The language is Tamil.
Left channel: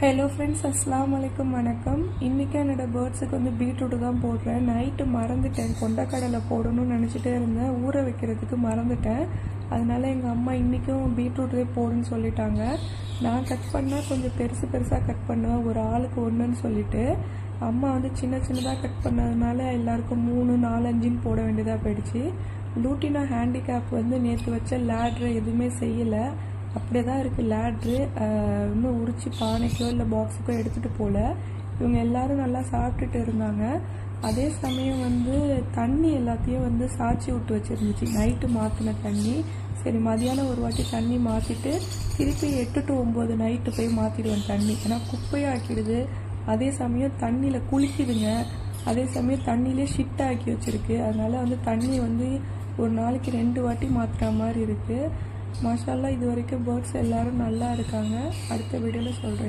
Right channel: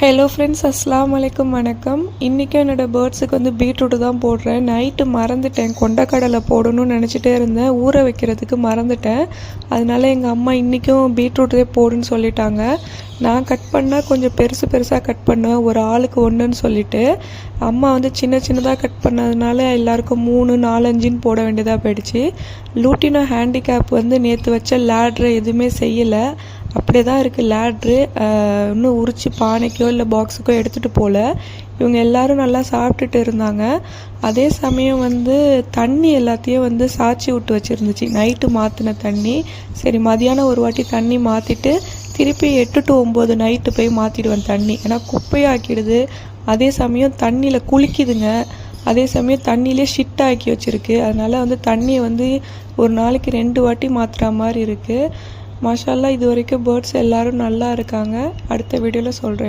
ஹலோ ஃப்ரெண்ட்ஸ், அஸ்ஸலாமு அலைக்கும், வணக்கம். இன்றைக்கும் என்னோடய பேர்ட்ஸுக்கு வந்து பீட்ரூட்டு தான் போடுறேன். நைட்டு மறந்துட்டேன், கொண்டக்கடலை போடணும்னு நினச்சிட்டே இருந்தேன். ஊற வைக்கிறதுக்கு மறந்துட்டேன். அதனால எங்கள் அம்மா இன்றைக்கும் பீட்ரூட்டே போடுன்னு சொல்லிட்டாங்க. நான் கட் பண்ணால் கொஞ்சம் பெருசாக கட் பண்ணுவேன், ஒரு ஆளுக்கு ஒன்றுன்னு சொல்லிவிட்டு. அம்மா வந்து சின்னதாக கட் பண்ணதுனால எல்லாருக்கும் 3, 4, 5ன்னு போட வேண்டியதாக போயிடுச்சு. லூட்டினோ ஹேண்டிகேப் வந்து நேற்று வச்ச லேட்ரு எதுவுமே செய்யலை, அப்படியே தான் இருக்குது லேட்ரு. இன்னும் உரித்து பானைக்கோ இல்லை பாக்ஸுக்கோ எடுத்துகிட்டு போகல. இவங்க எல்லோரும் நல்லா சாப்பிட்டுட்டு இருந்தாங்க. அதே சமயம் வந்து தண்ணி எல்லாத்தையும் வந்து சாய்ச்சி விட்டு வச்சுருந்துச்சு, நைட்டு மாற்றின தண்ணி. சரி, மதியானம் ஒரு வாட்டி தண்ணி மாற்றிட்டு திருப்பி 8 to 9 நைட்டு போய் மாற்றிடுவேன் தண்ணி. ஏன்னா குப்பையாக்கிடுது, அதே சமயம் தண்ணியில் குளிக்குதுங்க, அதே சமயம் தண்ணியிலே ஷிட் ஆக்கி வச்சுருக்கு. அதனால் வந்து தண்ணியை வந்து ஒரு நாளைக்கு 2 வாட்டி மாற்றுற மாதிரி இருக்குது. மாஷா அல்லாஹ், இது வரைக்கும் பேர்ட்ஸ் எல்லோரும் நல்லா இருக்காங்க. அடுத்த வீடியோவில் சொல்கிறேன்.